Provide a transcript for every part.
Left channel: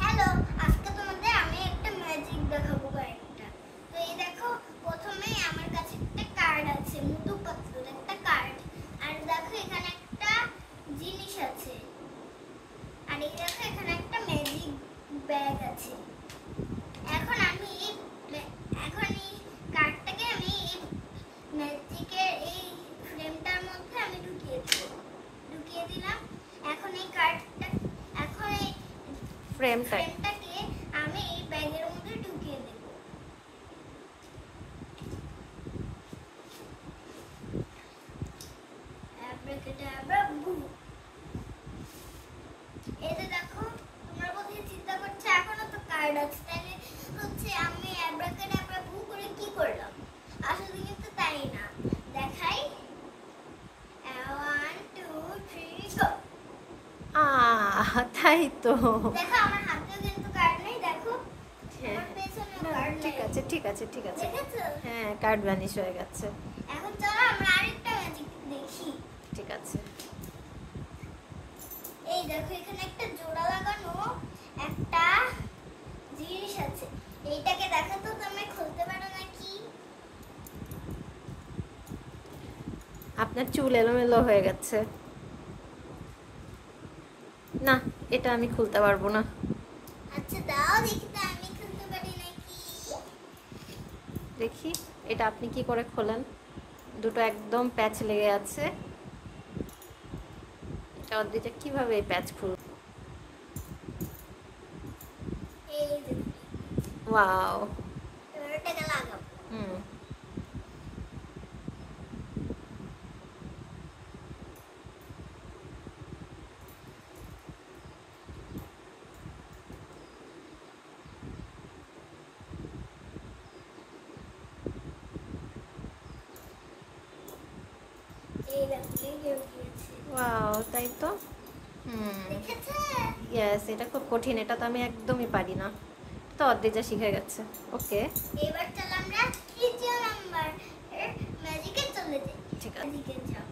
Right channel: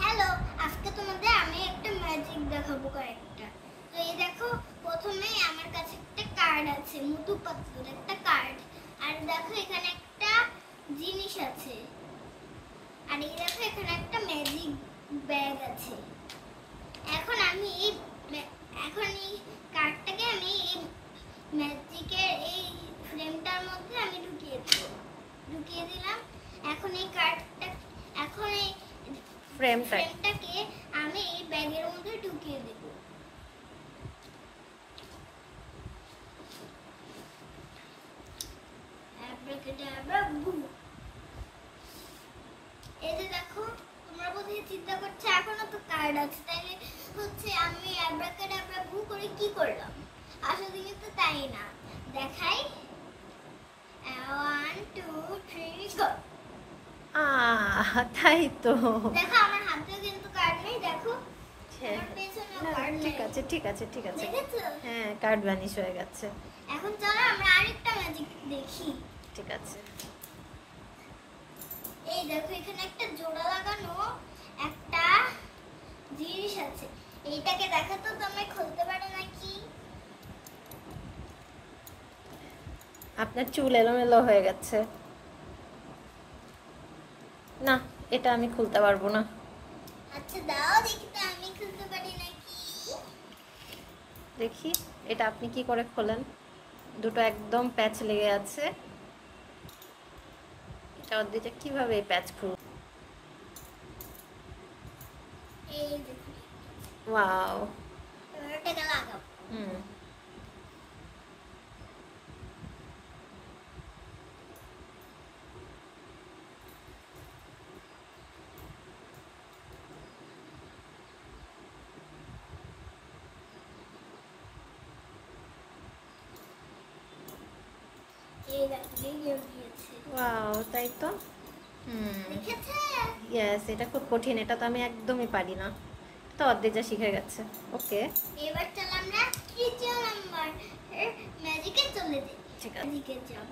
Hello, আজকে তোমাদের আমি একটা ম্যাজিক দেখাবো কয়েকটা। তো এই দেখো, প্রথমেই আমার কাছে একটা কার্ড আছে, মোটু পাতলুর একটা কার্ড। আর দেখো এখানে একটা জিনিস আছে। আর এই দেখো এখানে একটা ম্যাজিক ব্যাগ আছে। এখন আমি এই কার্ডটাকে আমি এই ম্যাজিকের এই ফ্রেমটার মধ্যে আমি ঢুকিয়ে দিলাম। এখন এই ফ্রেমটাকে আমি এই ব্যাগের মধ্যে ঢুকিয়ে দেব। এই যে দেখো, তোমরা বোধহয় চিন্তা করছো এখনো তো কার্ড আছে, তাইলে হচ্ছে আমি অ্যাব্রাকাডাব্রা ভু করে কি করলাম। আসলে কিন্তু তাই না, দেখাই। 1 2 3 গো। তাই তো। দেখো আমার হাতেও কিন্তু কার্ড নেই, দেখো আমার পেছনেও কার্ড নেই। ঠিক আছে দেখেছো? হ্যাঁ, কার্ড ভ্যানিশ হয়ে গেছে। এখন চলো আমরা আরেকটা ম্যাজিক দেখি। ঠিক আছে। এই দেখো এখানে একটা জোড়া লাগানো একটা জিনিস আছে। এইটাকে দেখো তো তুমি খুলতে পারো নাকি? আপনার চুল এলোমেলো হয়ে গেছে। না, এটা আমি খুলতে পারবো না। আচ্ছা দাও দেখি তো আমি খুলতে পারি নাকি। দেখি এটা আপনি কি করে খোলেন। দুটো একদম প্যাচ লেগে আছে। এটা দিতে কিভাবে এই প্যাচ খুলব? এই যে ওয়াও। এবার এটাকে লাগাও। এই দেখো লেগে গিয়েছে। ওয়াও, তাই তো। দেখেছে? ইয়েস, এটা খুব কঠিন, এটা তো আমি একদমই পারি না। তো অর্ধেক যা শিখে গেছে। ওকে, এবার চল আমরা তৃতীয় নাম্বার ম্যাজিকে চলে যাই। ঠিক আছে। ম্যাজিকে যাও।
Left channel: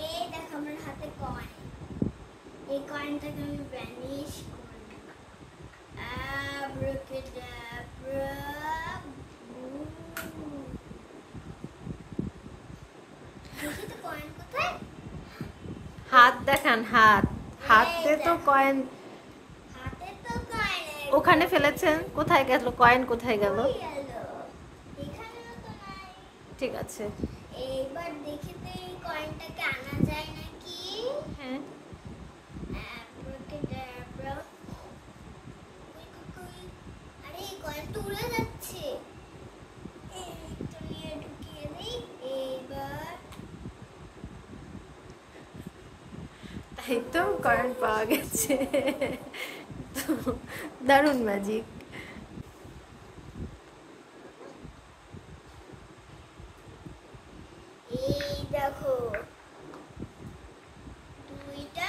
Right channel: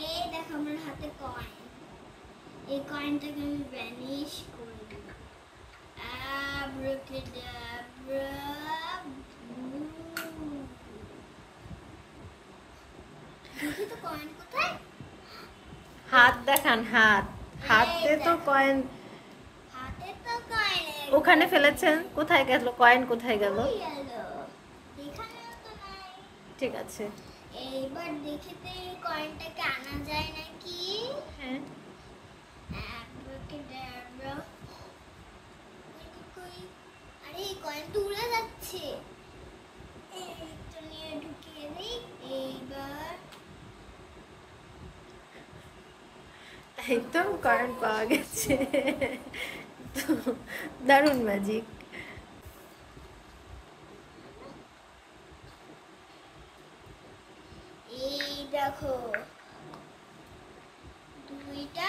এই দেখো আমার হাতে কয়েন। এই কয়েনটাকে আমি ভ্যানিশ করে দিই। আব্রাকাডাব্রা। দেখি তো কয়েন কোথায়? হাত দেখান, হাতে তো কয়েন। হাতে তো কয়েন ওখানে ফেলেছেন, কোথায় গেল কয়েন? কোথায় গেল? এখানেও তো নাই। ঠিক আছে। এইবার দেখি তো এই কয়েনটাকে আনা যায় নাকি। হ্যাঁ, আব্রাকাডাব্রা। আরে এই কয়েন তো উড়ে যাচ্ছে। এই তো নিয়ে ঢুকিয়ে দেই। এইবার তাই তো, কয়েন পাওয়া গেছে। তো দারুণ ম্যাজিক। এই দেখো দুইটা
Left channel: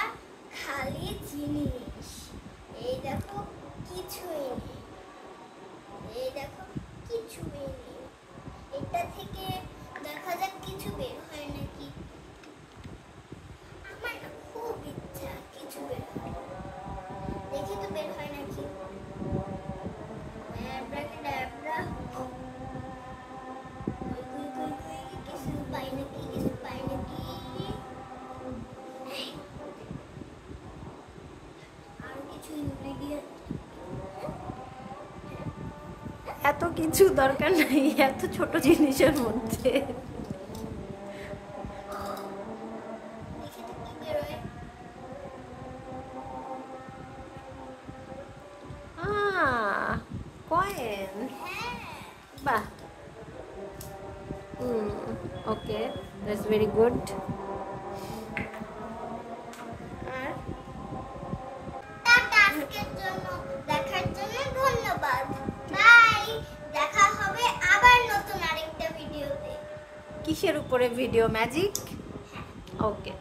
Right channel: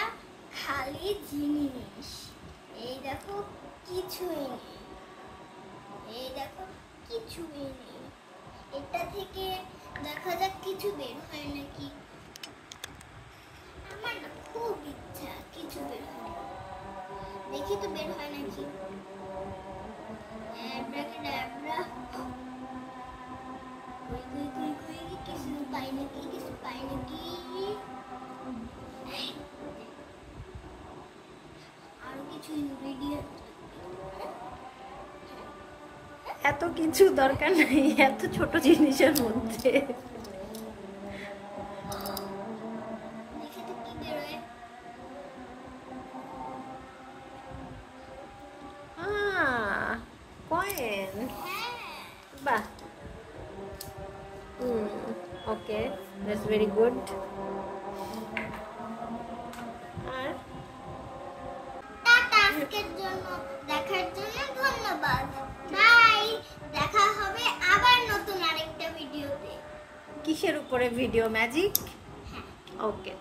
খালি জিনিস। এই দেখো কিছুই নেই। এই দেখো কিছুই নেই। এটা থেকে দেখা যাক কিছু বের হয় নাকি। আমার না খুব ইচ্ছা কিছু বের হয়। দেখি তো বের হয় নাকি। অ্যাব্রাকাডাব্রা। কিছু পাই নাকি, কিছু পাই নাকি। আরো কিছু ইনগ্রেডিয়েন্ট। এত কিছু দরকার নেই এত ছোট জিনিসের মধ্যে। দেখি তো কি বেরোয়। কয়েন। হ্যাঁ, বাহ। Okay, that's very good. আর টাটা আজকের জন্য দেখার জন্য ধন্যবাদ। বাই। দেখা হবে আবার নতুন আরেকটা ভিডিওতে। কিসের উপরে ভিডিও? ম্যাজিক? হ্যাঁ। ওকে।